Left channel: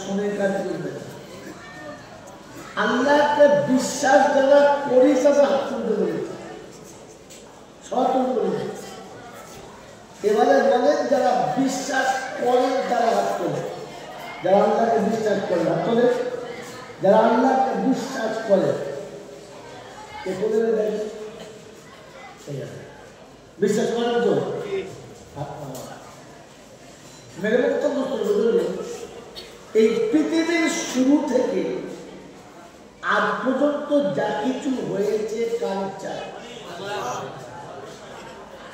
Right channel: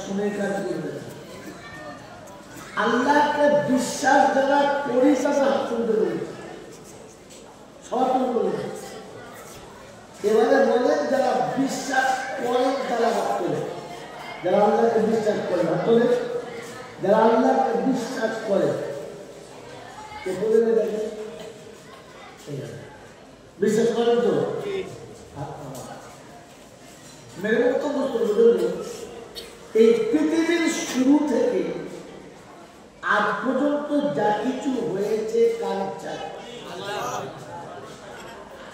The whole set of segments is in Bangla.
শুনে কাজ করবে। আল্লাহকে বিশ্বাস যারা করিস হাত তুলতে বলেছে, এবারে বলেন যারা বিশ্বাস করেন তারা হাত তোলে। যারা আল্লাহকে বিশ্বাস করে হাত তোলে। যারা আল্লাহকে বিশ্বাস করে বিশ্বাস করেন তো মেরে বক্তব্য করবে, এই পৃথিবীর শুরু থেকে আজ পর্যন্ত যা কিছু হয়েছে কার ইচ্ছা?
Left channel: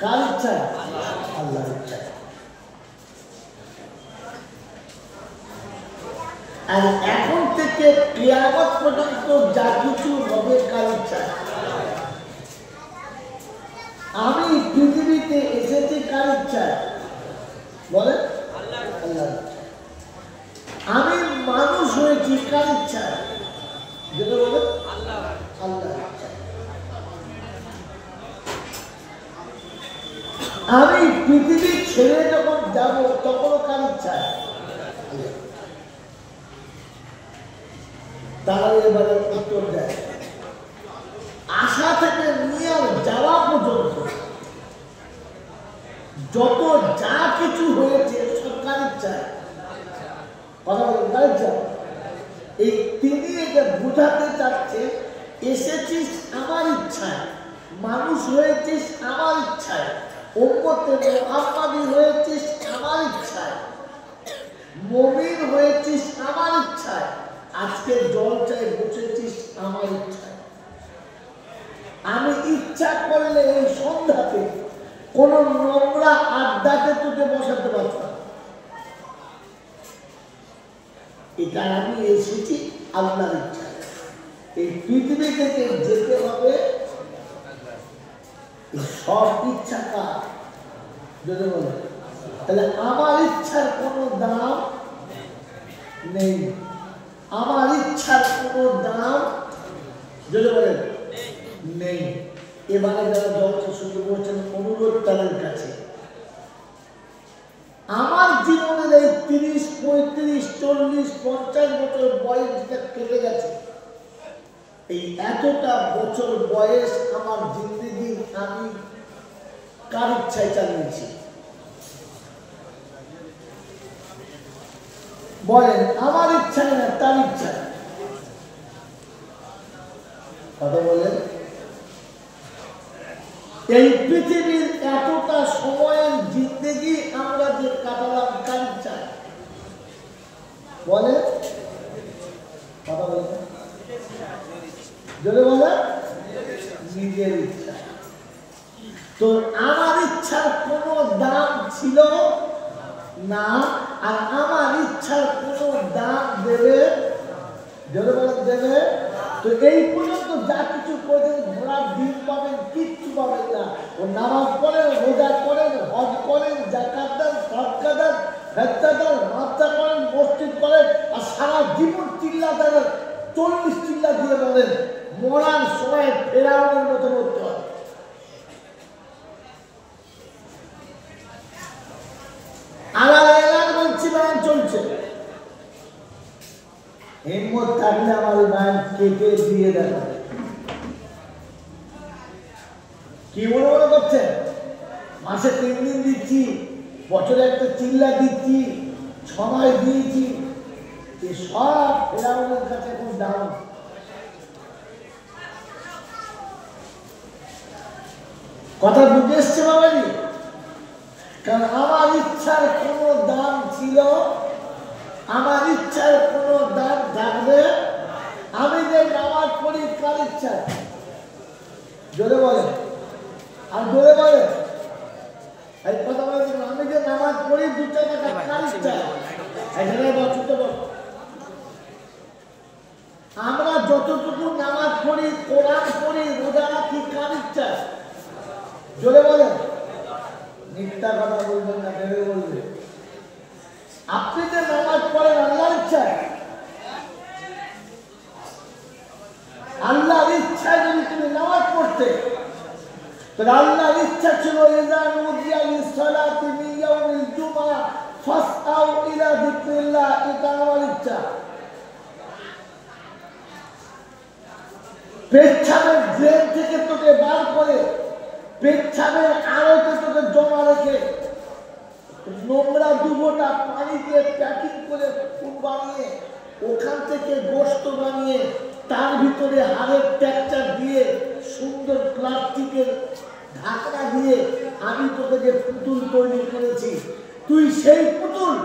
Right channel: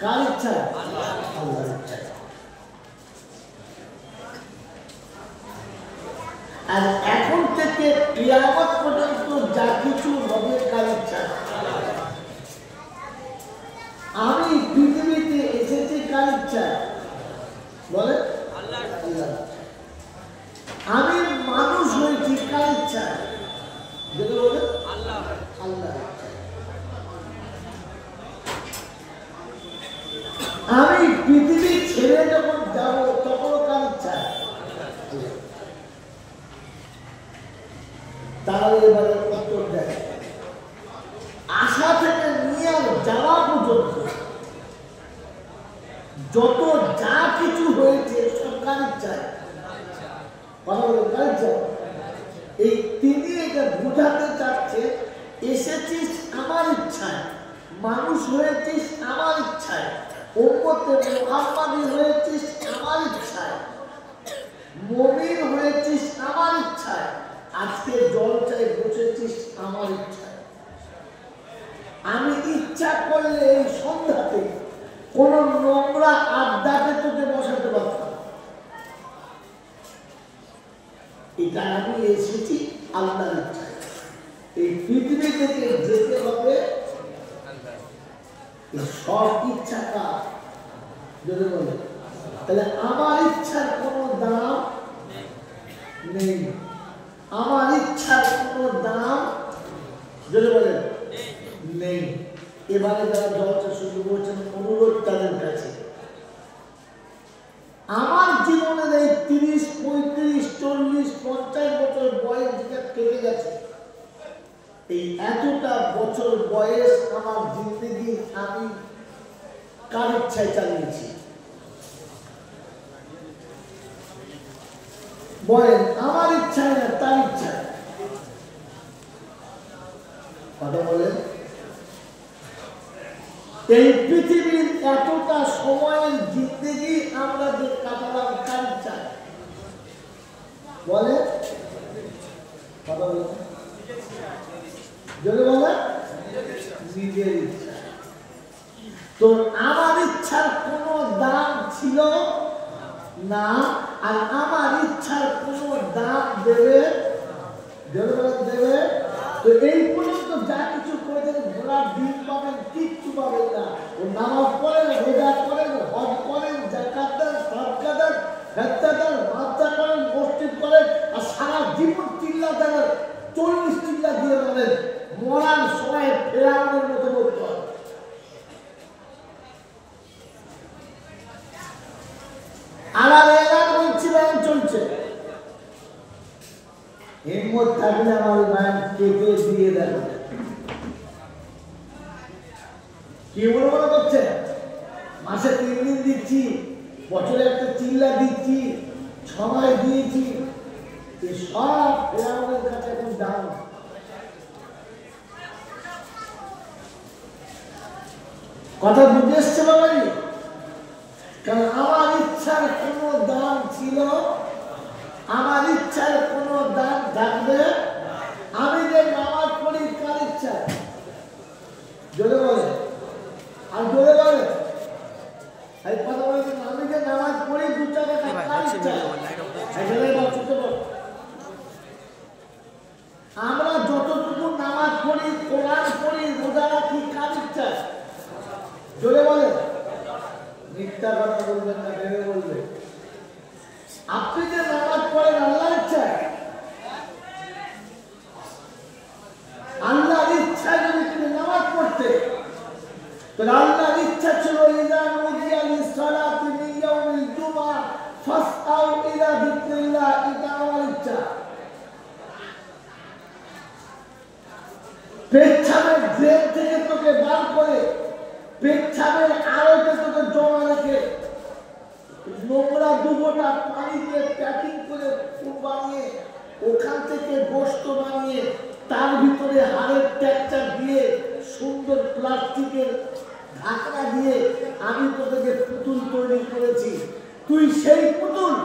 কার ইচ্ছা? আল্লাহর ইচ্ছা। আর এখন থেকে কিয়ামত পর্যন্ত যা কিছু হবে কার ইচ্ছা? আমি পৃথিবীতে এসেছি কার ইচ্ছা? বলে আল্লাহ। আমি মানুষ হয়েছি কার ইচ্ছা? যদি বলে আল্লাহ। আমি পৃথিবী ছেড়ে যখন যাব তখনও কার ইচ্ছা? তাহলে এবারে উত্তর দেয়, আশা থেকে নিয়ে যাওয়া পর্যন্ত যত যা কিছু হয়েছে সব কার ইচ্ছায়? কথা বলে কার ইচ্ছা? এই তিনি এটা বোঝাতে চাচ্ছে, এসেছিস আমার ইচ্ছায়, মানুষ হয়েছিস আমার ইচ্ছায়, উম্মতে মুহাম্মাদি হয়েছিস আমার ইচ্ছায়, মুমিন হয়েছিস আমার ইচ্ছায়, আজকে জলসায় বসেছিস আমার ইচ্ছায়। আমি ইচ্ছা করলে এই সন্ধ্যাতে কোন নোংরা আড্ডাতে তোকে বসাতে পারতাম। এটা আমি এসেছি আল্লাহর ইচ্ছায়। এই পৃথিবী থেকে যেতে হবে, সব ইচ্ছা কার? যদি বলে তাহলে আমার ইচ্ছার কোনো দাম নেই। আমার ইচ্ছার কোনো দাম যদি বলেন নেই। এবারে যারা জলসা শুরু করছেন, অনুরোধ তাদের কাছে, আমার জীবনের এই 30, 35, 40, 50 বছর বয়স যেটা কেটে গেছে, এই এতটা বছর বয়স আমার জিন্দগি আমি কার ইচ্ছায় চালিয়েছি? বলেন আমার ইচ্ছায় না তার ইচ্ছায়? কথা বলেন। এই পৃথিবীর এতটা সময়ের জিন্দগি আমরা যে কাটালাম কার ইচ্ছায়? বলে কথা বলেন, যদি বলে নিজের ইচ্ছা। তো আমার ইচ্ছার কোনো দাম ছিল না, আর আমার ইচ্ছার কোনো দাম দেবে দেবে। তো এই পর্যন্ত যা কিছু করে ঘোড়ার দিন পাবেন, কিচ্ছু পাবেন না। ও নামাজ পড়েন, রোজা করেন, হজ করেন, যাকাত দেন, সাদকা দেন, ফেতরা দেন, মাদ্রাসা করেন, মসজিদ করেন, আর সারা জীবন চিল্লা দেন, 40 চিল্লা দিয়ে বলেন, মরার সময় ফেরাউনের মতো করতে হবে। আলাদা এলাকা বলছি বলেন চলছে। হিম্মত থাকলে আমার মায়ের কেটে দিয়ে দেন। কি বলবো করছে? মাসে 3 দিন দিচ্ছি, বছরে একটা চিল্লা দিচ্ছি, সময় দিয়েছি, সব ফেরাউনের কাছে এখন দাম। কথা বুঝে এসছে বাবাজি? কারণ আমার ইচ্ছার কোনো দাম ছিল, আমার ইচ্ছার কোনো দাম থাকবে। আমি যে নামাজ পড়ি কার ইচ্ছা? জোরে বলে, আর জোরে বলে এই কথা বলে, আমি যে নামাজ পড়ি 2 টাকা কার ইচ্ছা? আমরা যতটুকু নামাজ পড়ি, কোরআন পড়ি, রোজা রাখি কার ইচ্ছা? জোরে বলে, মিথ্যা কথা বলবেন না, ভেবে বলবে। আপনি যে নামাজ পড়েন আল্লাহ পেচ্ছাবের ড্রেন থেকে তোকে বার করে পেচ্ছাবের আড়তে তোকে জমা রেখে নোংরা দুবোটা পানি দিয়ে প্যাকিং করে ফুল বানিয়ে ওখান থেকে গোস্ত বানিয়ে তার ভিতরে হাড়ের টেক্সচার দিয়ে সুন্দর প্লাস্টিকের ঢাকনা দিয়ে আমি তোকে যে পুতুল তৈরি করেছি, তুই সেই পুতুল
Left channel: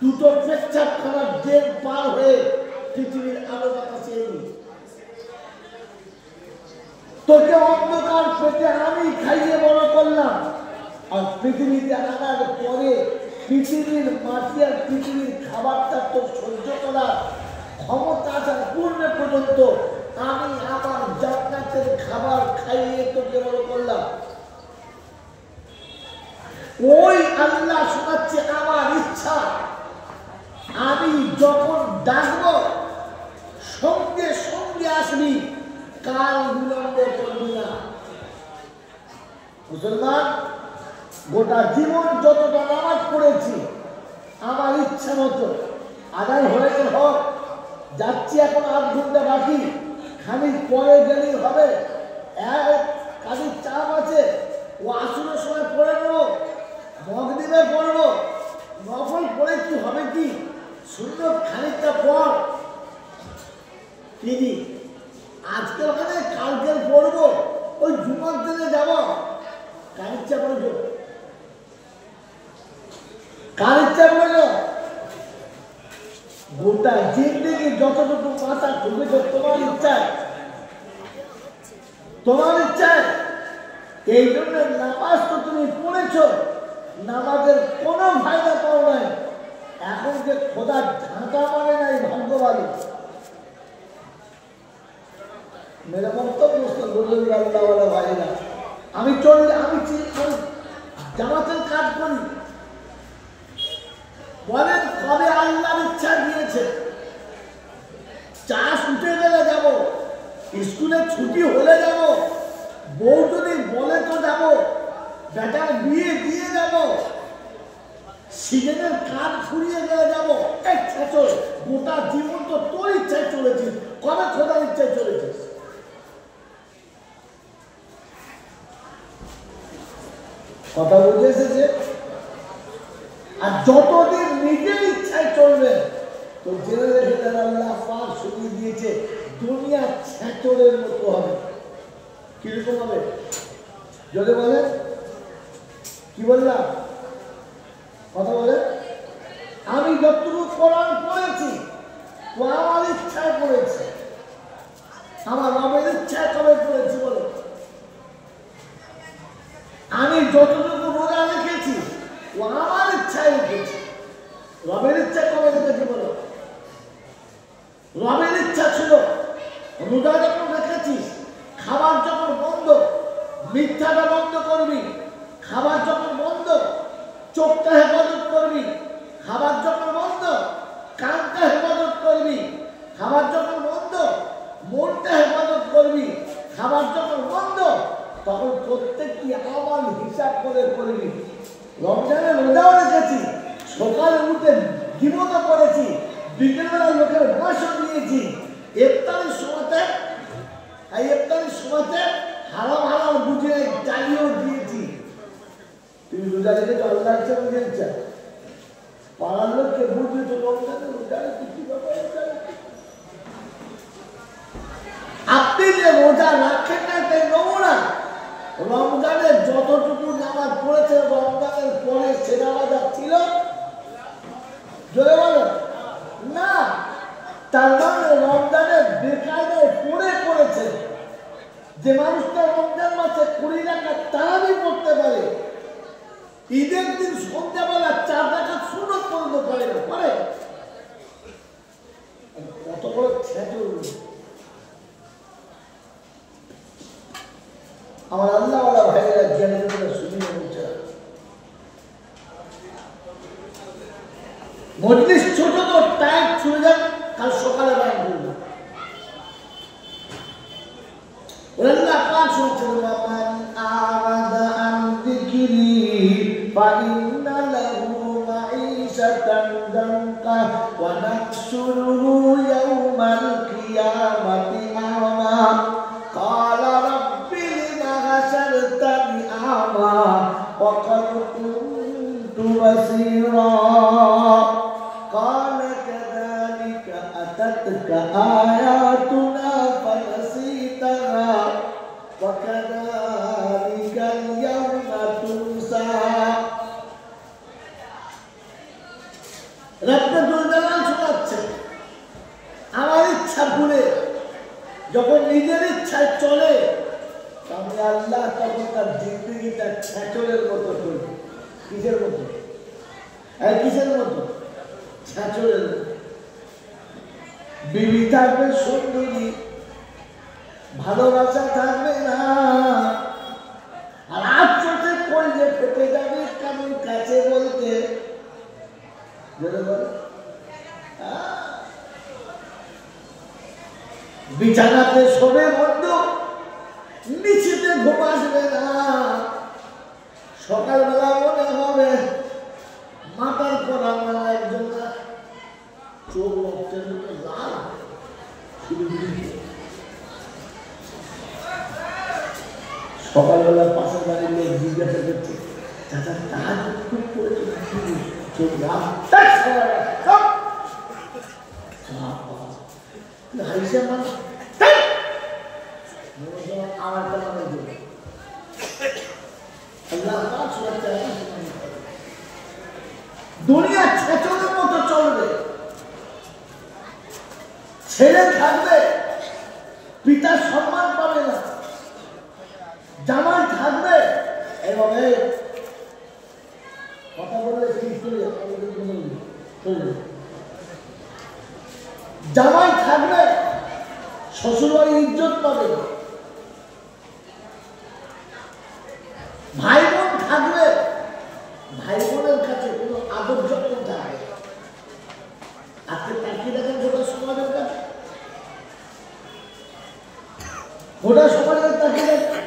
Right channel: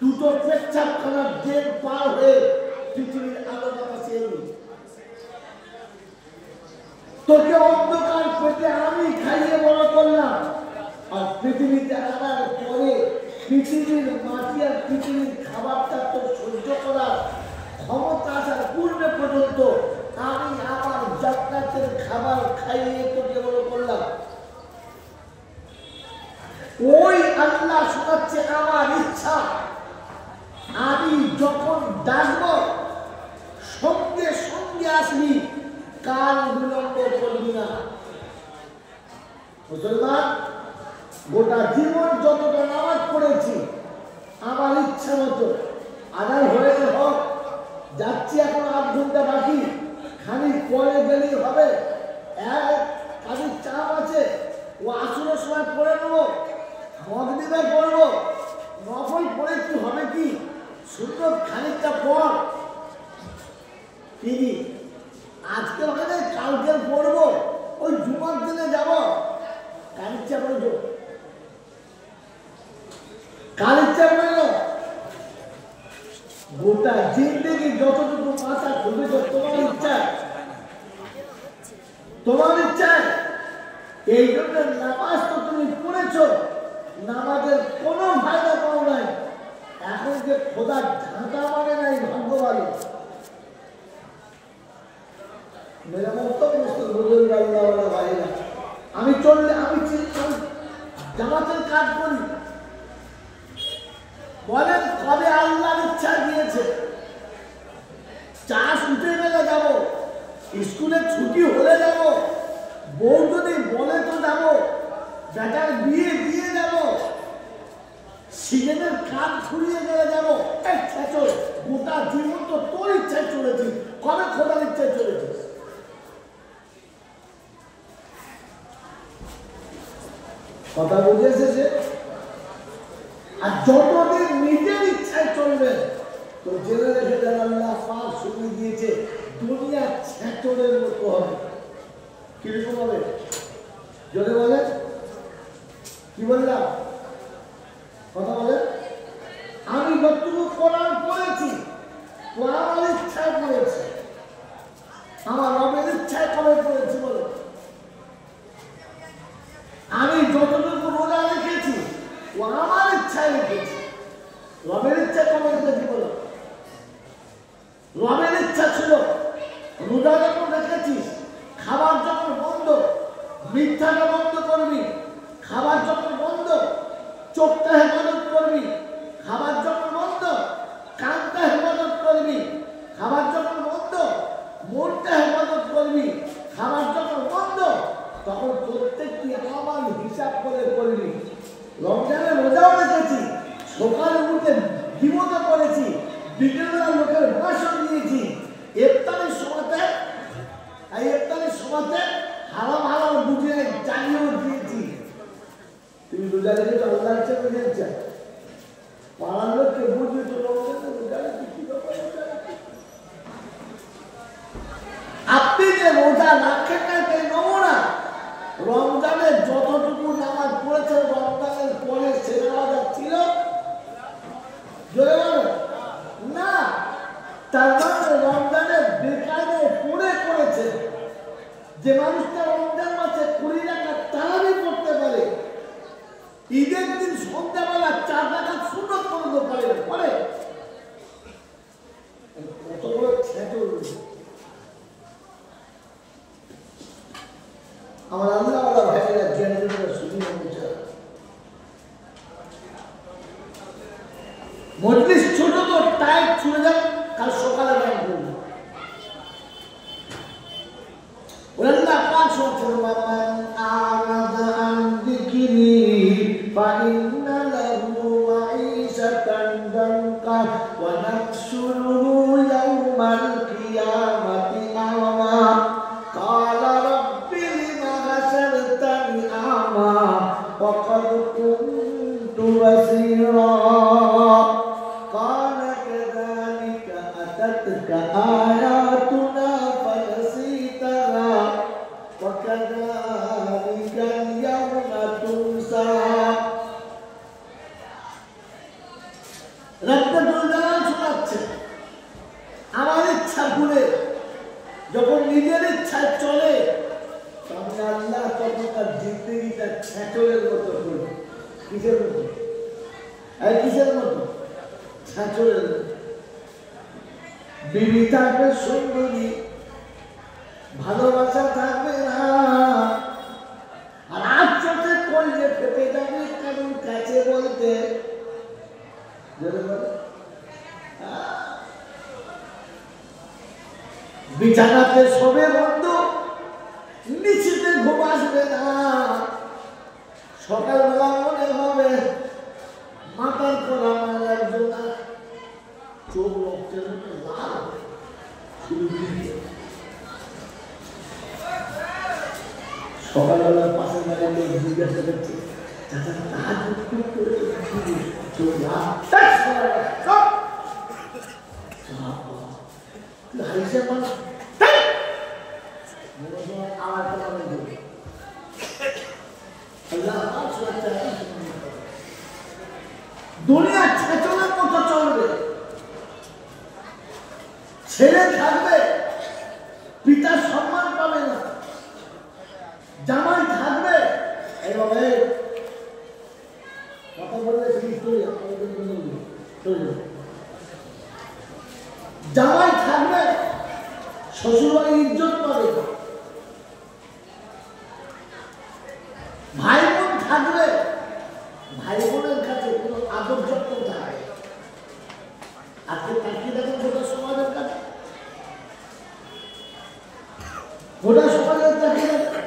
দুটো পেচ্ছাব খানার ড্রেন পার হয়ে পৃথিবীর আলো বাতাসে এলি। তোকে অন্ধকার পেটে আমি খাইয়ে বড় করলাম, আর পৃথিবীতে আনার পরে পৃথিবীর মাটি আর পৃথিবীর খাবারটা তো সহ্য করার ক্ষমতা আসার পূর্ণে পর্যন্ত আমি আমার জান্নাতের খাবার খাইয়ে তোকে বড় করলাম। ওই আল্লাহ শোনাচ্ছে আমার ইচ্ছা, আমি যখন ডাকবো সঙ্গে সঙ্গে আসবি, কাল বিলম্ব করবি না। মুসলমান, গোটা জীবন যতটা নামাজ পড়েছি আমার ইচ্ছা মতো আদার হয়ে হোক, যাচ্ছি এখন 8 ঘন্টা বাকি, খানিক পরে গেলেই হবে। খানিক চাপ আছে, ও আসরের সময় পড়ে নেবো, মগদিনে পড়বো, নফল পড়ে কি হবে কি, সুন্দর খানিকটা পর তিনি আজকে ওখানে কালকে পড়বো, ওই জুমার দিনে যাবো, কার ইচ্ছা পড়েছ, কার ইচ্ছা পড়েছ? গোটা জিন্দেগি যতটুকু মাথা ঢুকেছ তোমার ইচ্ছায়, তোমার ইচ্ছায়। এই জন্য নামাজ তো তুমি পড়েছ, নামাজের কোনো ফায়দা পাও নাই। এখন যে খোদার ঝাঁটা মানে নাই, ভাগ্য ভালো। মেরা বক্তব্য ভাইরা, আমি চললে আমি জামাতের কাজ করি, বলেন কবে আল্লাহর ইচ্ছা দিয়েছে। চাষ উঠে গেলে যাব, স্কুলে ছুটি হলে যাব, বউ যদি বলে তো যাব, বেটার বিয়ে দিয়ে যাব, সিজনের কাজ ফুরিয়ে গেলে যাব। গোটা জীবন তো তোর ইচ্ছায় চলেছিস, কবে খোদার ইচ্ছায় চলেছিস? কথা বুঝে এসেছে? আর যতদিন নিজের ইচ্ছায় চলবে তো জেনে রেখে দেন, আল্লাহ পাক শুনিয়ে দিয়েছে দুনিয়া ছেঁচড়ের মতো হবে। কিরকম হবে? যদি বলে কি বললাম, কথা বলে, আমি যতটুকু কোরআন পড়েছি ও আমার ইচ্ছায় পড়েছে, আমার রবের ইচ্ছায় কবে পড়েছি বলো। আমি যতটুকু রোজা রেখেছি ও আমার ইচ্ছায় রেখেছি, রবের ইচ্ছা কবে রেখেছি বলো। রবের ইচ্ছা ছিল রোজা যখন রেখেছিস, খাবার যখন বন্ধ, মিথ্যাটা বন্ধ করবি, খাবার যখন বন্ধ, চোখটা হেফাজত করবি, খাবার যখন বন্ধ, কানটা হেফাজত করবি, খাবার যখন বন্ধ, মনটা হেফাজত করবি, খাবার যখন বন্ধ, তখন প্রত্যেকটি আমার হিসাব করে করবি। রমজানের রোজাও রেখেছি, সকালে উঠে জীবনও করেছি, বিকেলবেলা লোকের ভাষণ দিয়েছি, ইফতারের সময়তে হারাম হারাম বুঝিয়ে জানিয়েও দিয়েছি। তুমি রোজা রেখেছো আল্লাহ ইচ্ছা বুঝে ইচ্ছা, পাড়ার লোককে বুঝবে তো রমজানের রোজা রেখে কি ব্যাপার। আপনি যে রোজা রাখেন না তাই নমুনা, রমজানের যতটুকু নামাজ পড়েছে রমজানের পরে সেরা বাজার ছিল, জোরে বলো না, তার মানে রমজানের বেকায়দায় পড়ে পড়েছে। যে মানুষটা রমজান মাসে 20 রাকাত তারাবি পড়তে পারে, ঈদের দিন সন্ধ্যাবেলা 4 রাকাত সুন্নত পর্যন্ত পড়ে না পারে, কত বড় ছেঁচড়। আমার আল্লাহ ভাইয়েরা জ্ঞানের উপরে শুনিয়ে বলছে, মজলিস ছোট তো টাইট ছুড়ে যান, কাল সকালে ব্যায়াম করবো। আল্লাহ পাক শুনছেন, মামান আরাদা আন যিকরি ফাইন্না লাহু মাঈশাতান দানকা ওয়া নাহশুরুহু ইয়াওমাল কিয়ামাতি আ'মা। আতাতকা আয়াতুনা ফানসিতাহা ওয়া কাযালিকাল ইয়াওমা তুনসা। রব্বুল আলামিন শোনাচ্ছে আমার ইচ্ছা ভুলে যখন নিজের ইচ্ছায় চলে তাহলে আল্লাহ তখন তার জিন্দগিটা ছ্যাঁচলের মতো করবে। কিসের মতো? কিসের মতো? ছ্যাঁচলের মতো। বিবি থাকবে সুন্দরী, ভালোবাসা থাকবে না, আর আচ্ছাতে করলে ফেটে যাবে কারোর কাছে বলতে। বিছানাতে শোবে বন্ধ, নিচেতে ঘুম আসবে না। সকালবেলা মনে হবে মাথার করা একজন না, চোখ রক্তের মতো লাল, সকালবেলা পাশের বাড়ির লোক জিজ্ঞাসা করছে, চাচা কাজ চোখ দুনিয়া ছেচনের মতো চলবে। ছেলে থাকবে পিতার সম্মান পাবে না, জামাই থাকবে এভাবে কথা বললে জামাই থাকবে শ্বশুরবাড়ি ইজ্জত পাবে, ভাই বোন থাকবে ভাই বোনের কাছে কোনো আদর যত্ন থাকবে। আজকে তাকিয়ে দেখেন গোটা সমাজের কাছে, গোটা সমাজের তাকিয়ে দেখেন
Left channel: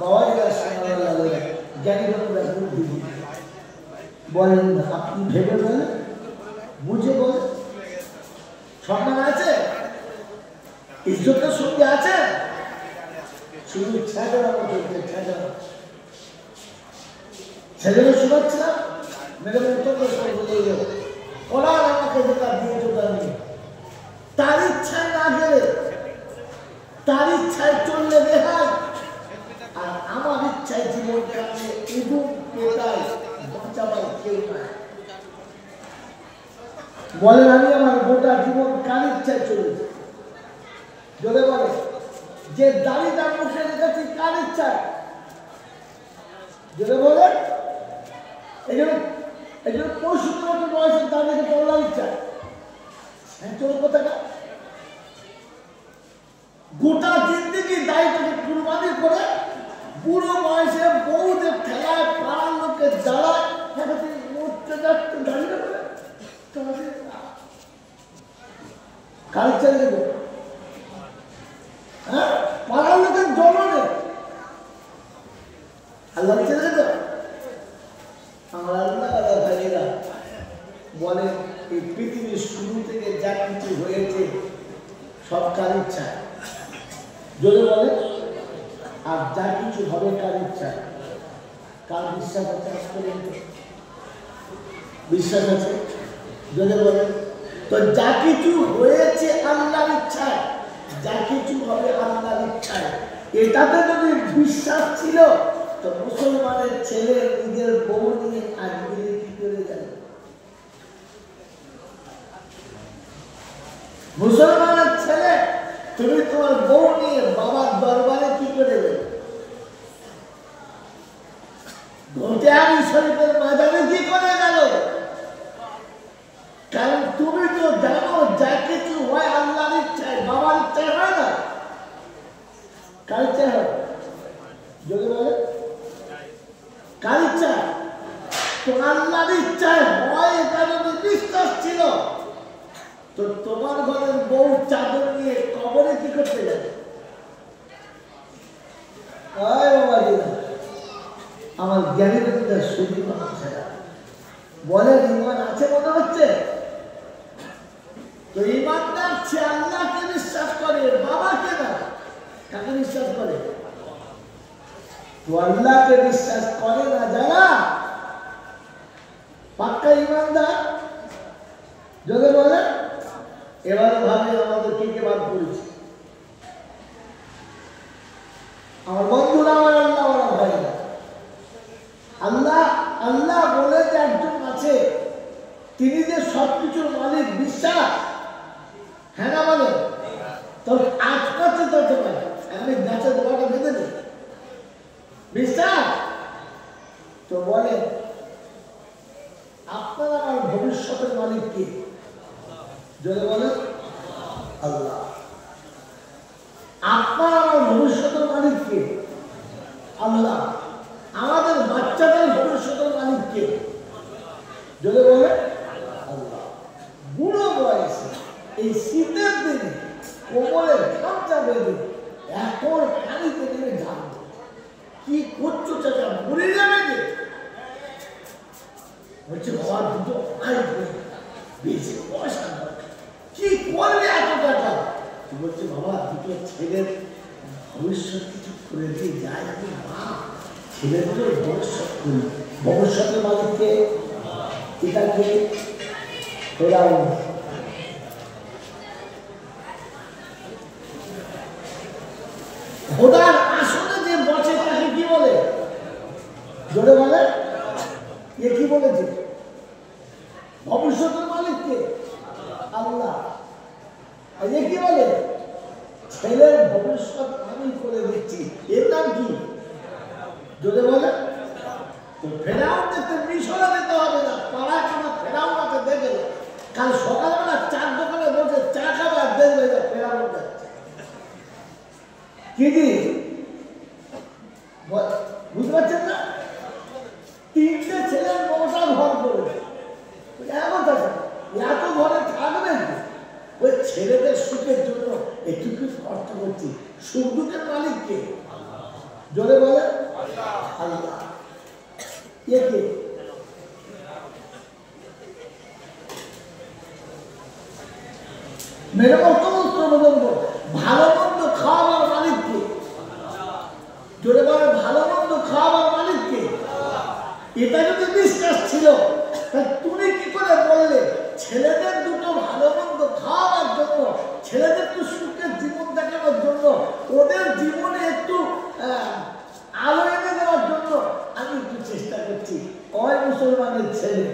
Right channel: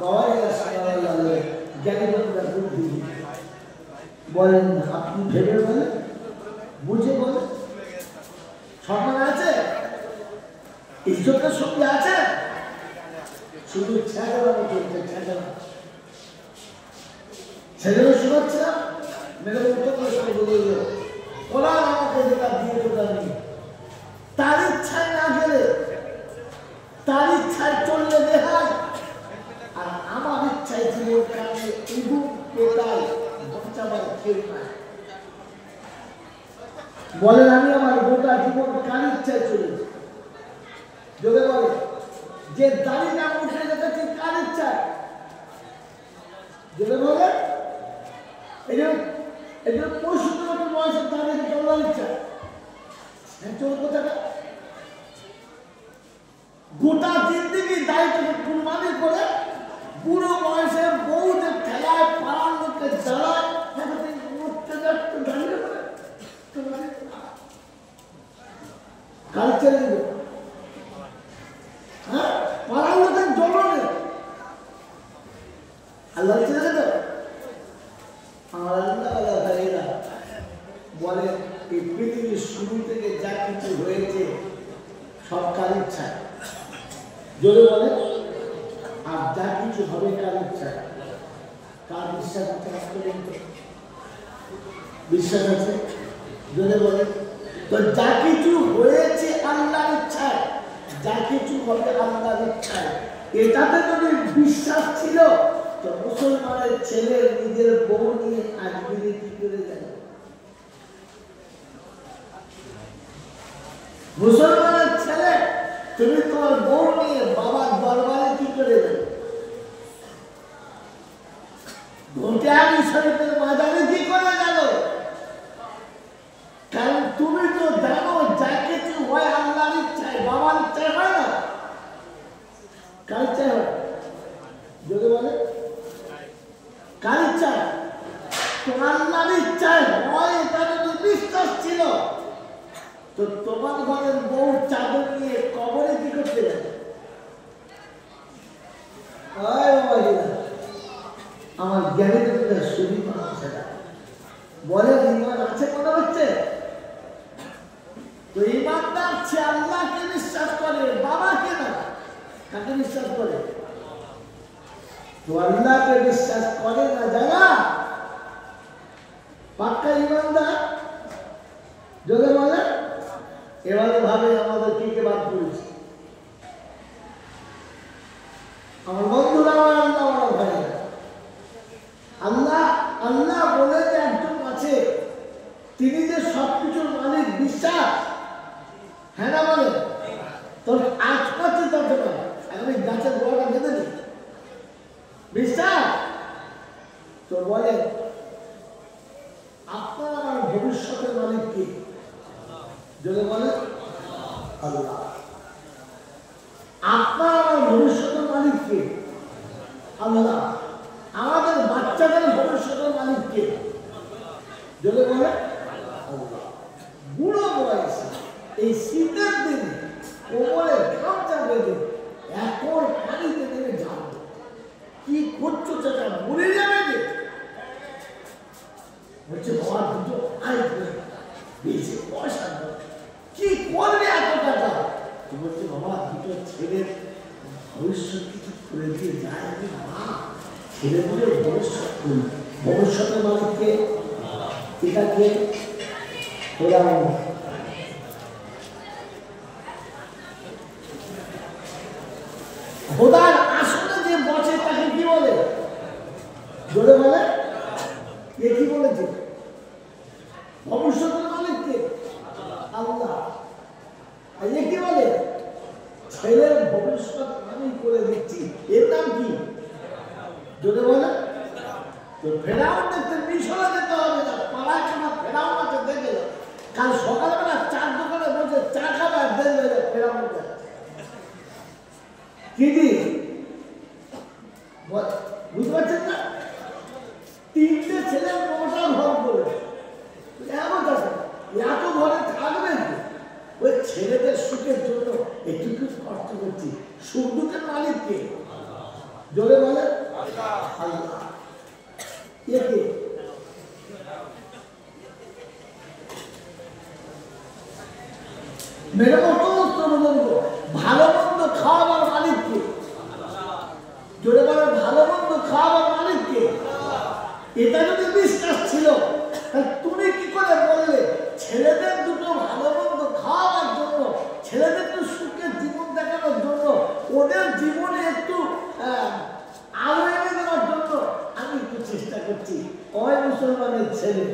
বাবাই জ্ঞানী বুদ্ধি বলেন, আপনি ভেবে বলেন, বুঝে বলেন, সম্মান আছে, ইজ্জতের সঙ্গে আছে, শুধু ছেলেরা মতো ছেলেরা ছেলেরা শুনাচ্ছে না মেরে মতো ওরা আমাকে যেটা দিয়েছে আমি তার ইচ্ছায় না গেলে, তার ইচ্ছায় চললে দেখায়, আর আমার ইচ্ছায় জীবন কাছে ইঁদুর পেটায় বাঁচাবার কেউ নাই। বলেন আমি আমার গোটা জীবন কার ইচ্ছায় চলেছি? যদি বলে যে দাড়িটা মুখে রেখেছি কার ইচ্ছায়? যদি বলে এই জন্য 65 বছর বয়সের দাঁড়িয়ে চলার ইচ্ছা, চল কোথাটা গোটা জিন্দিগি দায়িত্বকে কুরবানি করে বুড়ো বয়সে বউদের ঠেলায় পাড়ার লোকের জ্বালায় উঠতে যাচ্ছে দাঁড়িয়ে করে তোমাকে কাল ছেড়ে দেবে। হ্যাঁ, পাড়ার লোকের জ্বলনে আল্লাহ ছেড়ে দেবে। আমার আল্লাহ আল্লাহ ভাইরা বলে এই পৃথিবীর শুরু থেকে যা কিছু হয়েছে সব কার ইচ্ছায়, যদি বলে, আর যা কিছু হবে কার ইচ্ছায়। কার বিশ্বাস আছে? বিশ্বাস আছে? যদি বলে তো যা কিছু হয়েছে আল্লাহর ইচ্ছায়, যা কিছু হবে আল্লাহর ইচ্ছায়। এটাতে যদি বিশ্বাস ছিল তো মুসলমানের ছেলে নিজের বউ নিয়ে আজমিরে কি করে যাবে? মুসলমানের ছেলে তুমি তোমার বউ নিয়ে বাবার দরবারে কি করে যাবে? ধোটিয়ানি শরীফের মাজারে কি করে গেল? কারণ তুমি তো জানো যা কিছু হয় আল্লাহর ইচ্ছায়, বাবার ইচ্ছায় হয় না। কার ইচ্ছায় হয়? যদি বলে কার ইচ্ছায়? তো আল্লাহর ইচ্ছায় হয়। এটা যদি বিশ্বাস ছিল তো তোমার ঘরের বউ চাদর নিয়ে কবরে কি করতে যাবে? আমার জ্ঞানের শরীর বলে ইমান আছে মনে হচ্ছে তো ইমানদার সে আল্লাহকে বিশ্বাস করে, বাবাকে না। কাকে বিশ্বাস করে? আল্লাহকে বিশ্বাস করে না যারা পাক্কা ইমানদার, যদি বলে এবারে ভাবে আমাদের কে বাদ করেছে। আমার বন্ধুরা, আমার আল্লাহ ওরা ভাইরা, আল্লাহ আল্লাহ বলে যে একজন আছে, তিনি যে সবকিছুর মালিক, বিশ্বাস? হ্যাঁ না বলে? তবে আজ করছে তত পারে আমি গাছের গোড়াটা বেঁধে দিই, বিশ্বাস? তো বলেন আপনার আমার ভবিষ্যতের মালিক কি? যদি বলে আল্লাহ। আপনার আমার ভবিষ্যতের মালিক কে? আল্লাহ। আমাদের বাচ্চাদের ভবিষ্যতের মালিক কে? যদি বলে আল্লাহ। বুড়ো বয়সে এই শীতের দিনে কোমরে গামছা বেঁধে এখন পানিতে নেমে যাবো, কি করছো চাচা, মরে যাবে যে? বলছে ঘর দুটো আয় বেশি পয়সা কি করলে এত টাকা? বলছে বাবা দুটো ছেলের ভবিষ্যৎ কিছু করে দিয়ে যায়, আমি মা ছেলেগুলোর ভবিষ্যৎ করি। ভবিষ্যতের মালিককে এটাকে খোদার আসলে যে বসে তাকে কি বলে? জোরে বলে এ কি বলেছে? ভবিষ্যতের মালিককে আল্লাহ। এ কি বলে? ছেলের ভবিষ্যৎ আমি করে দিচ্ছি, এর নাম কি? যদি বলে ফেরাউন দেখতে মিশরে যেতে হবে না, পাড়ায় খানা ফেরাউনকে দেখে কাল সকালবেলা চার দোকানে বসে চা খাবার দেখবে ফেরাউন যাচ্ছে। কি বুঝতে পারছেন না? তিনটে ছেলে মোটা ঘর করে এমন আছে, এত ঘরে থাকবে ওই ছেলেদের সুখের জন্য একটু কষ্ট করছি। সুখ দুঃখের মালিক কে? জোরে বলে আল্লাহ। কে? মেরে মতো ভালো মন্দ খাওয়াবার মালিক কে? জোরে বলে ভালো মন্দ খাওয়াবার মালিক কে? এটা যদি বিশ্বাস ছিল তা তুমি কি করে বললে ছেলেদের দুটো ভালো মন্দ খাওয়াবার জন্য, ছেলেদের একটু সুখের জীবন দেখানোর জন্য, ওদের জীবনে একটু আলো এনে দেওয়ার জন্য আমি একটু চেষ্টা করছি। ওই মুসলমানের ছেলে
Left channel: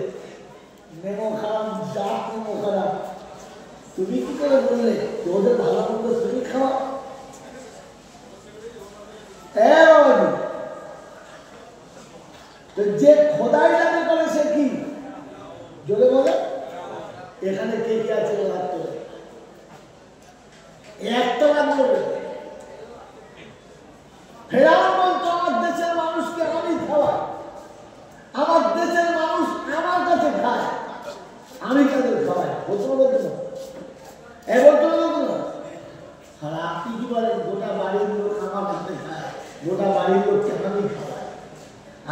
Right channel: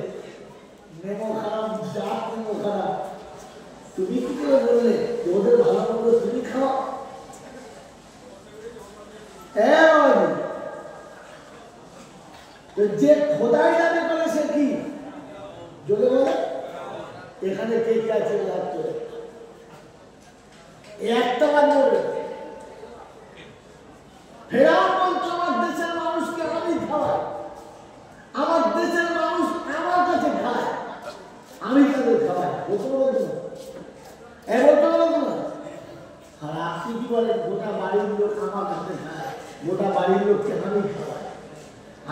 নেমো খারাপ, জাত নেমো খারাপ, তুমি কি করে বললে ওদের ভালো মন্দ তুমি খাও? যে খোদাই দাবি করে সে কি? জোরে বলে এখানে কে কে আছে? একটা বার বলবে ফেরাউন বলতো আমার দেশের মানুষকে আমি খাওয়াই, আমার দেশের মানুষ আমার কাছে খায়, আমি তাদের খাওয়াই। বলতে বলতো না, বলতে বলতো না। আর আপনি কি বলেন গোটা বাড়ির লোক আমার কাছে খায়, গোটা বাড়ির লোককে আমি খাওয়াই,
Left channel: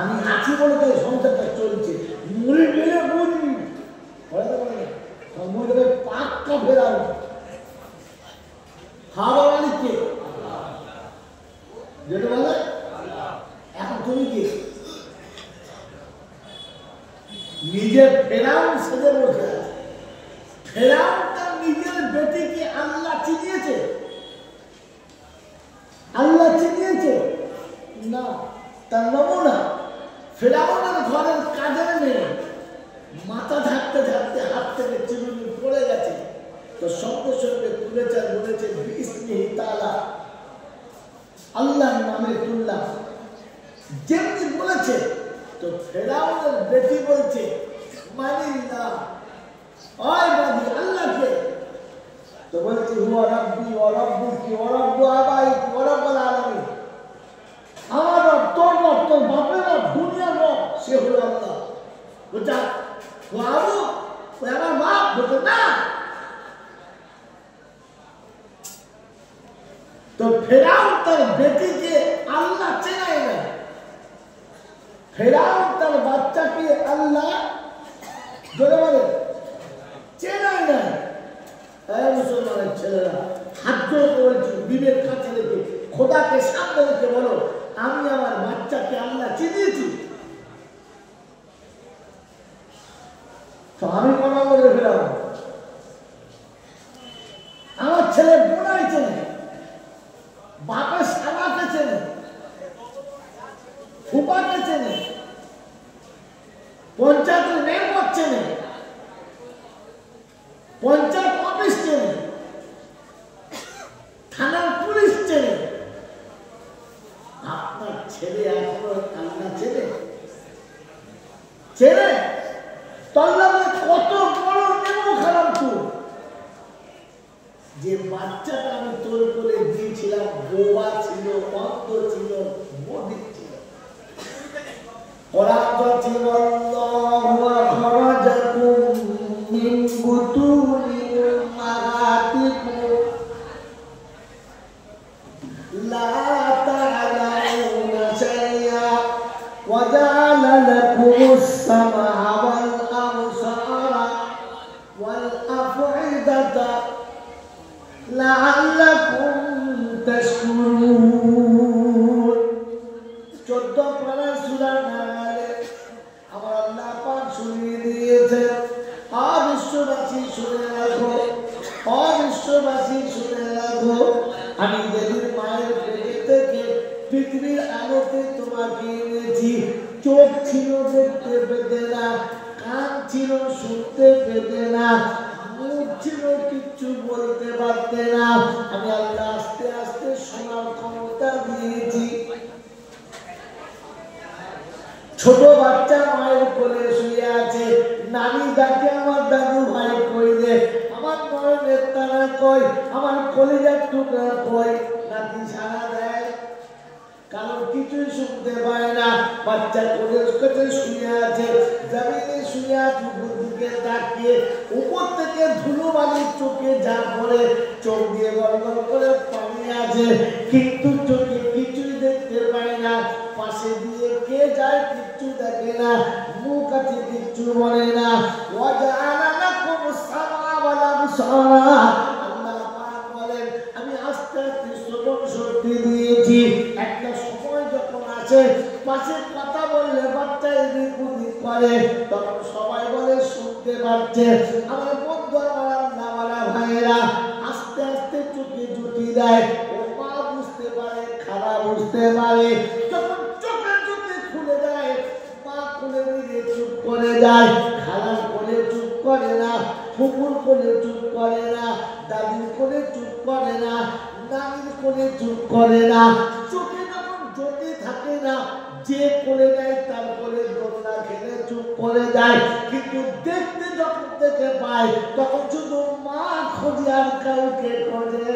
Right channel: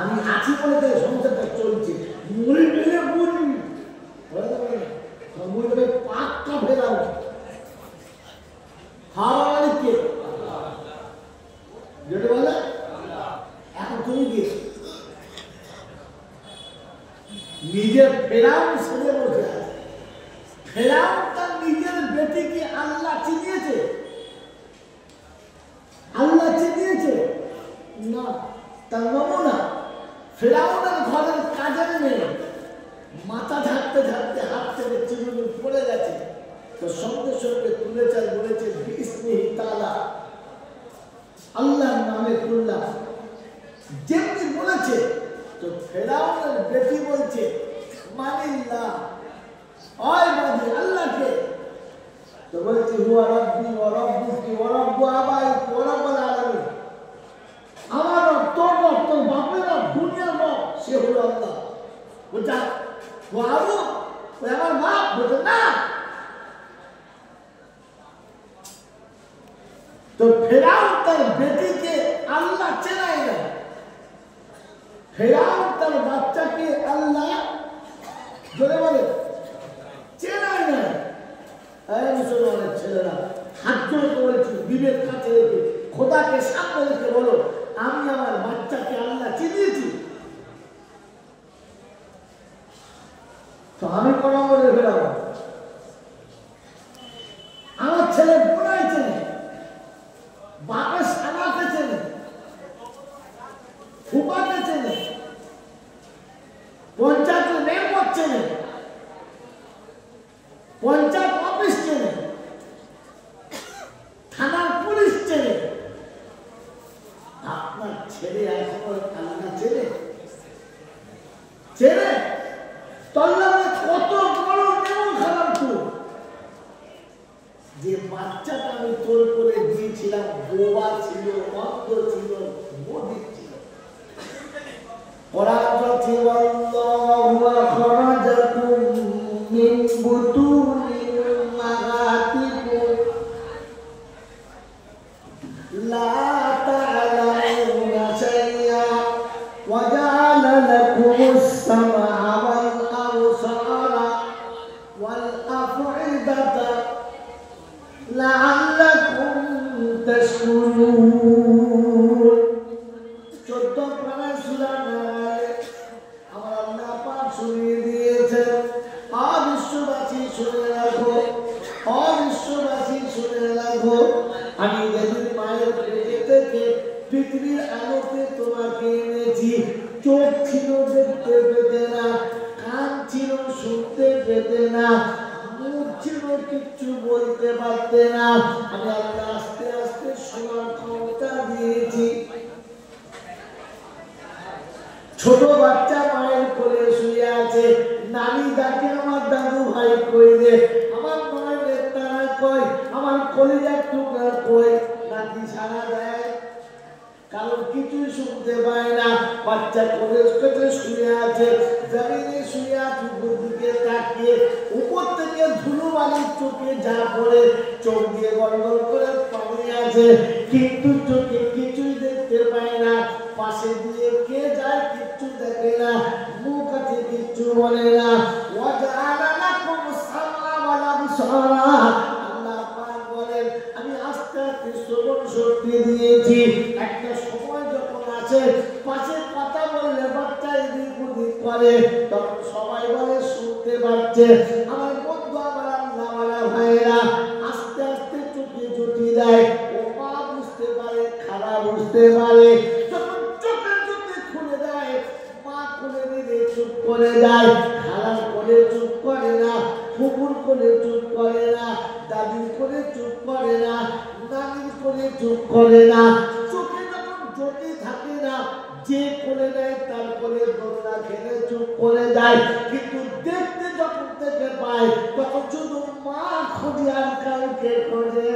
আমি আছি বলে সংসারটা চলছে। মরে গেলে মরে পাকটা ফেরাও খাওয়া মানে কে? যেটা বলে এখন তুমি কি নিজের ফেরাউন সেজে বসে আছে? ফেরাউন তার নিজের বেটিকে আল্লাহ চিনিয়েছে? আল্লাহ চিনিয়েছে না, তার নমুনা ফেরাউনের ঘরের কাজের মেয়ে মাথা ঢাকতে ঢাকতে হাত থেকে চিরুনি পড়ে গেছে, তো সঙ্গে সঙ্গে তুলেছেন, বলেছেন বিসমিহি তাআলা, আল্লাহর নামে তুললাম। যেমনি বলেছে তো ফেরাউনের বেটি বলছে মানি না, ওই মানি আল্লাহকে। তো বলছে হুয়া রাব্বি ওয়া রাব্বুকি ওয়া রাব্বু আবাইকি ওয়া রাব্বুল আলামিন, আমার রব, তোর রব, তোর বাপের রব, দুনিয়ার রব সে হলো আল্লাহ। বলছে ও আবু, ওই আমার মা। বলছে না। তো ফেরাউন তার বেটিকে আল্লাহ চেনায় না, ফেরাউন তার বাচ্চাকে আল্লাহ ধরে বলে চেনায় না। তাই মুসলমানের ছেলেরা হাত জোড়ে বলছি, বিবেক কাছে রেখে খোদাকে সামনে রেখে বলো আমি আমার বাচ্চাকে আল্লাহ চিনিয়েছি। তো আমি কোনো বলে ফেরাও পঞ্চায়েত অফিস চেনে, থানার পুলিশ চেনে, আপনার ছেলে এখনো কান্না চেনে চেনে তল্লামে কত বড় নেমো খারাপ তো যে বাচ্চাটা আমি তোর করে দিয়েছিলাম বোবা ছিল, অন্ধ ছিল, মদিক ছিল। কোরআন বলছে আল্লাহু আখরাজাকুম মিন বুতুনি উম্মাহাতিকুম লা তা'লামুনা শাইআ ওয়া জা'আলা লাকুmus sam'a ওয়াল আবসারা ওয়াল আফ'ইদাতা লা'আল্লাকুম তাশকুরুন। 14 পারা সূরা নালে আমার আল্লাহ পাক শুনিয়ে দিয়েছে। বিশ্ববাসী শুনে রাখো, বিশ্ববাসী শুনে রাখো, আমি যেদিন মায়ের পেটে থেকে পৃথিবীর আলোতে তোমাকে এনেছি, চোখ ছিল দেখতে পেতে না, কান ছিল শুনতে পেতে না, মুখ ছিল কিচ্ছু বলতে পারতে না, আমি আল্লাহ আস্তে আস্তে শোনার ক্ষমতা দিয়েছি। ছোট বাচ্চা মায়ের কোলে শুয়ে আছে, নানি ডাকে আমার দাদু ভাই কই রে, আমার মায়ের তারা কই, আমার কলিজার টুকরা কই, নাতি সারা দেয়, কারণ কিছুই শুনতে পায় না। বাচ্চা কোলের কাছে শুয়ে আছে, জমিনে শুয়ে আছে, উপর দিকে তাকিয়ে উপর থেকে ধুলো বালি চোখে যা পড়ে, চোখ দিয়ে গড়গড় করে পানি আছে, কিন্তু চোখে কিছুই দেখতে পায় না। পাশে দিয়ে কে যায় কিচ্ছু দেখে না, মুখ আছে কিচ্ছু বলে না। ওয়াজআলা লাকুmus সামআ ওয়াল আবসারা, আল্লাহ পাক বলেন আমি আস্তে আস্তে শ্রবণ শক্তি দিয়েছি। একটা সময় যখন আসে পাশে কথা বললে বাচ্চা এদিক ওদিক করে, তখন সবাই বলে শুনতে পাচ্ছে। আমার বন্ধু, আমার আল্লাহ ওয়ালা ভাইয়েরা, আস্তে আস্তে চোখে জ্যোতি দেয়, ও মা বুঝতে পারে, খারাপ বুঝতে পারে, চুপ করে যায়, খারাপ করে চুপ করে না, ফুকুর করে চুপ করে না, দাদির করে চুপ করে না, নানির করে চুপ করে না। চোখে যখন জ্যোতি থাকে না, যে করে দেয় তারপরে দোলনা খেলে চুপ করে দেয়, কিন্তু দেখতে যখন দেখে পায় তখন শুধু মা খোঁজে আর কাউকে খোঁজে।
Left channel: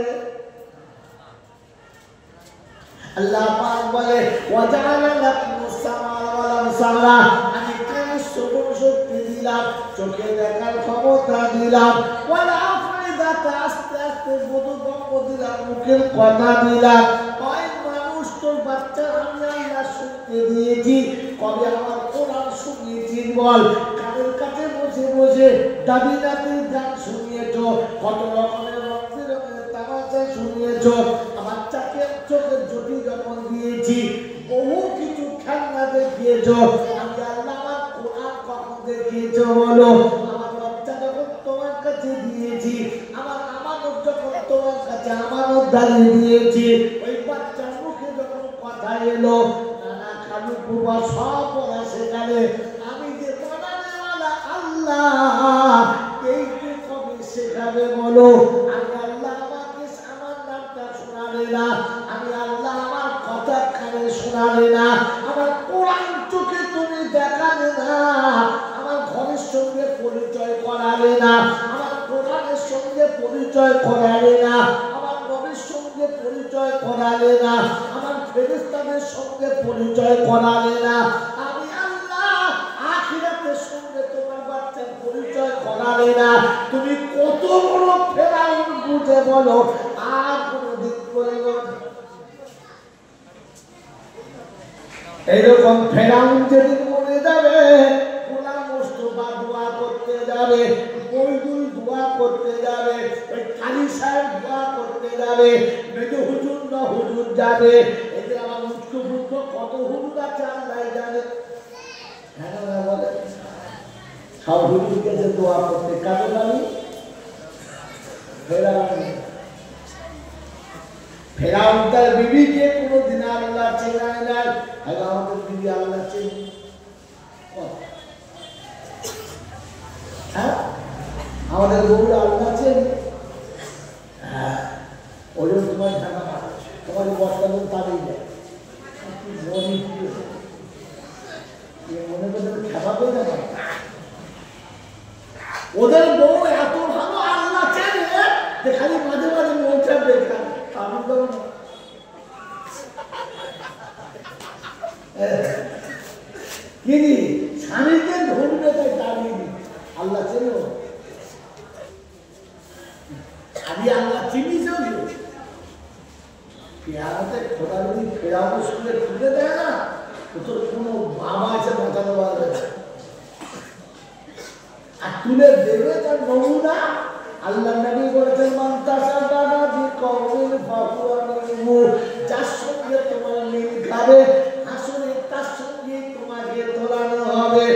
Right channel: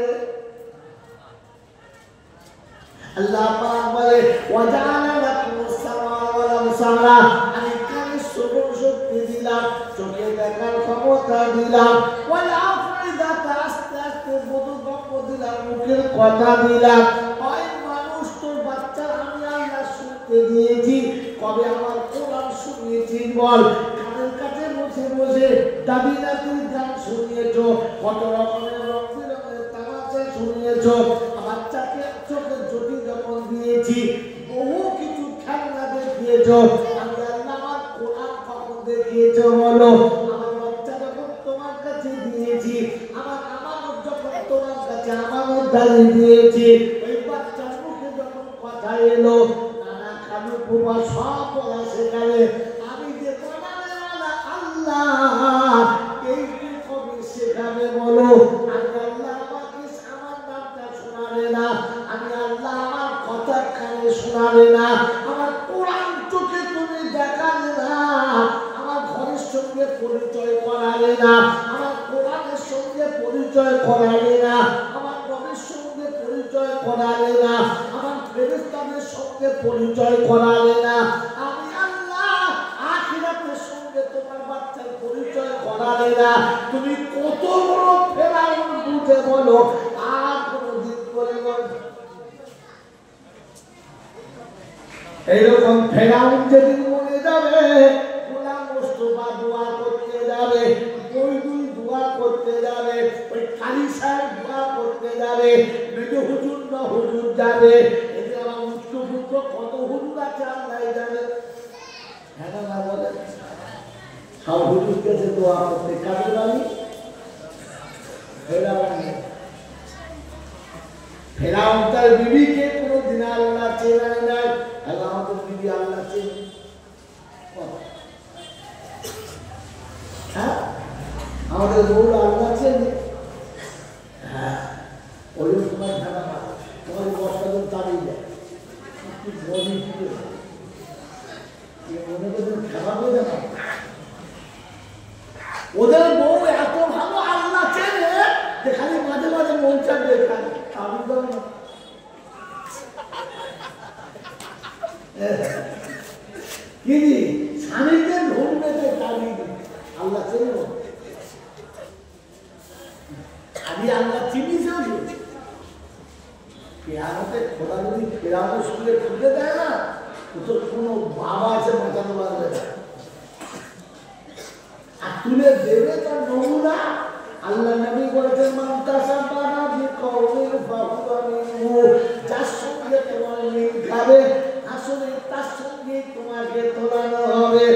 আল্লাহ পাক বলে ওয়াজআলা লাকুmus সামআ ওয়াল আবসারা, আমি কানে শ্রবণ শক্তি দিলাম, চোখে দেখার ক্ষমতা দিলাম, ওয়াল আফইদাতা, আস্তে আস্তে বোধগম্য দিলাম, মুখের কথা দিলাম। ওই মানুষ, তোর বাচ্চা আমি আল্লাহ শুনতে দিয়েছি, কবে আমার কোরআন শুনিয়েছি বল? কানের কাছে বসে বসে দাদি নাতির গান শুনিয়েছ, কত রকমের রং বেরঙের তামাশা শুনিয়েছ, বাচ্চাকে চোখের জ্যোতি যখন দিয়েছি, বহু কিছু খেলনা দেখিয়েছ, আমি আল্লাহ আমার কোরআন কখন দেখিয়েছ বলো? আমার বাচ্চা যখন তোমার কাছে দিয়েছি, আমার আমানত যখন তোমার কাছে আমানত ধারে দিয়েছি, ওই বাচ্চার মুখে যখন কথা এলো, নানা খালু বুবা সব বলা সেখানে, আমি যে বানানে ওয়ালা আল্লাহ, এই কবি শেখাবে বলো? আমি আল্লাহ আমাকে আমার নামটা শোনালে না, আমি আল্লাহ আমার কথা কানে শোনালে না, আমার কোরআন চোখে তুমি দেখালে না, আমার ঘরের সঙ্গে পরিচয় করালে না, আমার কোরআনের সঙ্গে পরিচয় করালে না, আমার নবীর সঙ্গে পরিচয় করালে না, আমার ফেরেশতাদের সঙ্গে পরিচয় করালে না, আমি আল্লাহ আখিরাতের সঙ্গে তোমার বাচ্চার পরিচয় করালে না। তুমি কত বড় ফেরাউন বুঝে বলো? আর কোনদিন বলবো না। এইরকম ফেরাউন যেদিন মরে যাবে, গোলাম মুস্তাফা দোয়া করতে যাবে, মইদুল দোয়া করতে যাবে, ওই কালী সাহেব দোয়া করতে যাবে, মেজো হুজুর না হুজুর যাবে, এদের আমার উচ্চভূত কত হুজুর আছে আল্লাহ জানে। হ্যাঁ না বলে সব হুজুর গেছে দোয়া করতে, কারো নামি ফেরাউন তার বিবিকে কোনোদিন আল্লাহ চেনায় নাই, আমাদের বিবি আল্লাহ চেনে। আমাদের বউরা আল্লাহ আছেন, হ্যাঁ ওই তোমার ঢাকা মারে, তোমার বস্তা লোক তাড়িয়ে যায়, মনে করে খেলা করে দেয়। ওদের বউ এত ভালো আল্লাহ চেনে যে খালি মাঝে মাঝে মন চাপবে কিনি স্বামীদের ধরবে তাই তাড়িয়ে দিই। আল্লাহ চেনে আমি আল্লাহ চিনি চলছে পেয়ারাতে খোলা যদি ফেরানো স্কুলে খুলে দেয় না তো তোর কোনো বাবা আছে বাঁচাতে পারবে না। আর তুলে দেবে তার নমুনা। আল্লাহ নবী বলেছেন মানতাসা বাবা যে কওমের ফাকুরা মিনহু, যার সঙ্গে তোমার মিল খাবে আসলে তার সঙ্গে তোমাকে তোলানো হবে।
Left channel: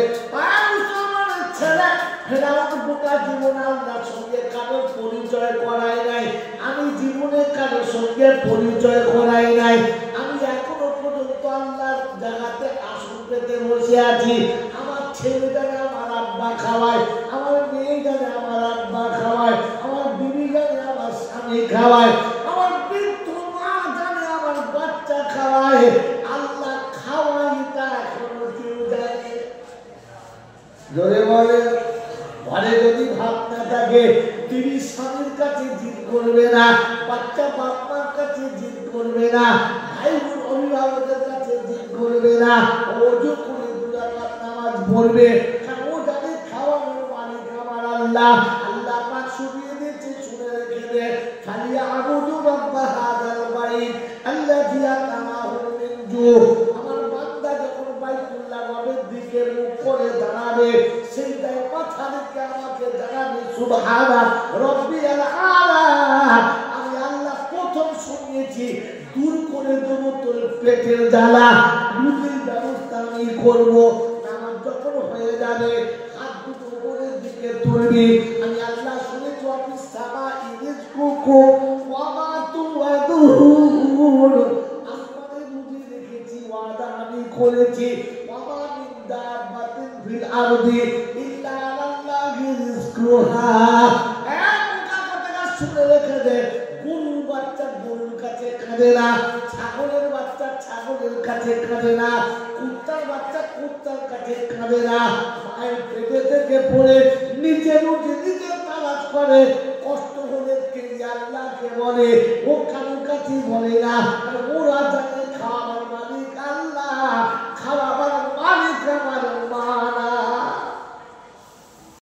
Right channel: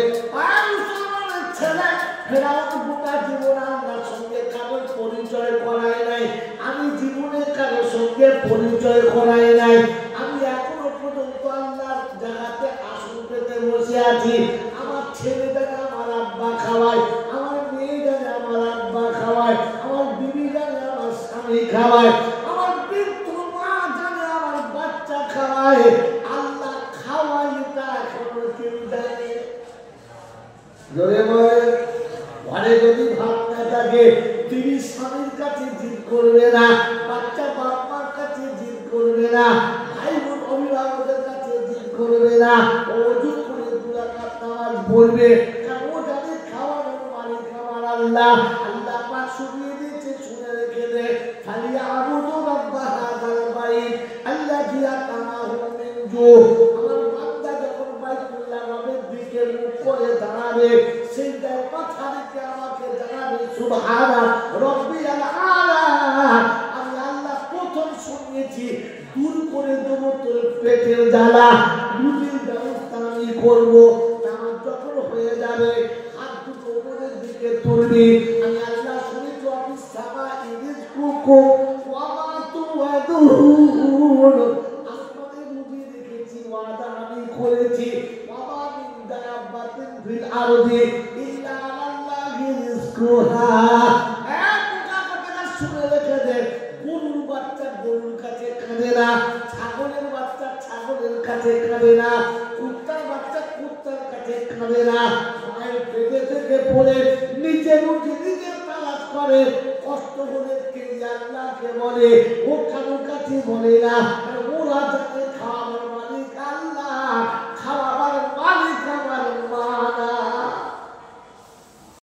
আর মুসলমানের ছেলে ফেরাউন বোকা জীবন আল্লাহর সঙ্গে কারোর পরিচয় করাই নাই। আমি জীবনে কারোর সঙ্গে পরিচয় করাই নাই। আমি এখনো পর্যন্ত আল্লাহর জায়গাতে আসন পেতে বসে আছি। আমার ছেলেটাকে আমার আব্বা খাওয়ায়, আমার মেয়ে জানে আমার আব্বা খাওয়ায়, আমার বিবি জানে আমার স্বামী খাওয়ায়, আমার বৃদ্ধ মা জানে আমার বাচ্চা খাওয়ায়। আল্লাহ খাওয়াই তা এখনো কেউ জানে। জোরে বলে ঘরে যদি ভাত না থাকে তিনি স্বামীর কাছে জিদ করবে না, বাচ্চা বাপ মার কাছে জিদ করবে না, ভাই বোন অভিভাবকের কাছে জিদ করবে না। ওযু করে 2 রাকাত নামাজ পড়বে, কারণ ও জানে খাওয়ানোর মালিক আমার আল্লাহ। আল্লাহ পাক শুনিয়ে দিয়েছে, শুনে রেখে দে। ফালিয়া আবুদু রাব্বা হাযাল বাইত আল্লাযী আতামাহু মিন জু। আমার বান্দা যখন বাইতুল্লাহ রবের দিকে মুখ করে দাঁড়াবে, সিজদায় মাথা রেখে আমাকে জানাবে সুবহানা রাব্বিয়াল আলা। আমি আল্লাহ প্রথম শুনিয়েছি দূর করে দেব তোর পেটের জ্বালা, রুজির ব্যবস্থা আমি করব। নামাজ যখন হয়ে যাবে হাত দুটো উপরের দিকে তুলবি। আমি আল্লাহ শুনেছি অফিস সামা ইরিজকুকুম ওয়া মা তুআদুন। আসমানে রুজি রেখেছি, ওয়াদা আমি করেছি। ওয়া মা মিন দাব্বাতিন ফিল আরদি ইল্লা আলাল্লাহি রিজকুহা। শুনে রেখে দে, গরুর বাচ্চা গরুর কাছে কাঁদে না, ছাগলের বাচ্চা ছাগলের কাছে কাঁদে না, কুত্তার বাচ্চা কুত্তার কাছে কাঁদে না। মায়ের পেটে থেকে পড়ে নিজের উঠে নিজের তালাশ করে, কষ্ট হলে কে আল্লাহকে বলে, ও কারোর কাছে বলে না।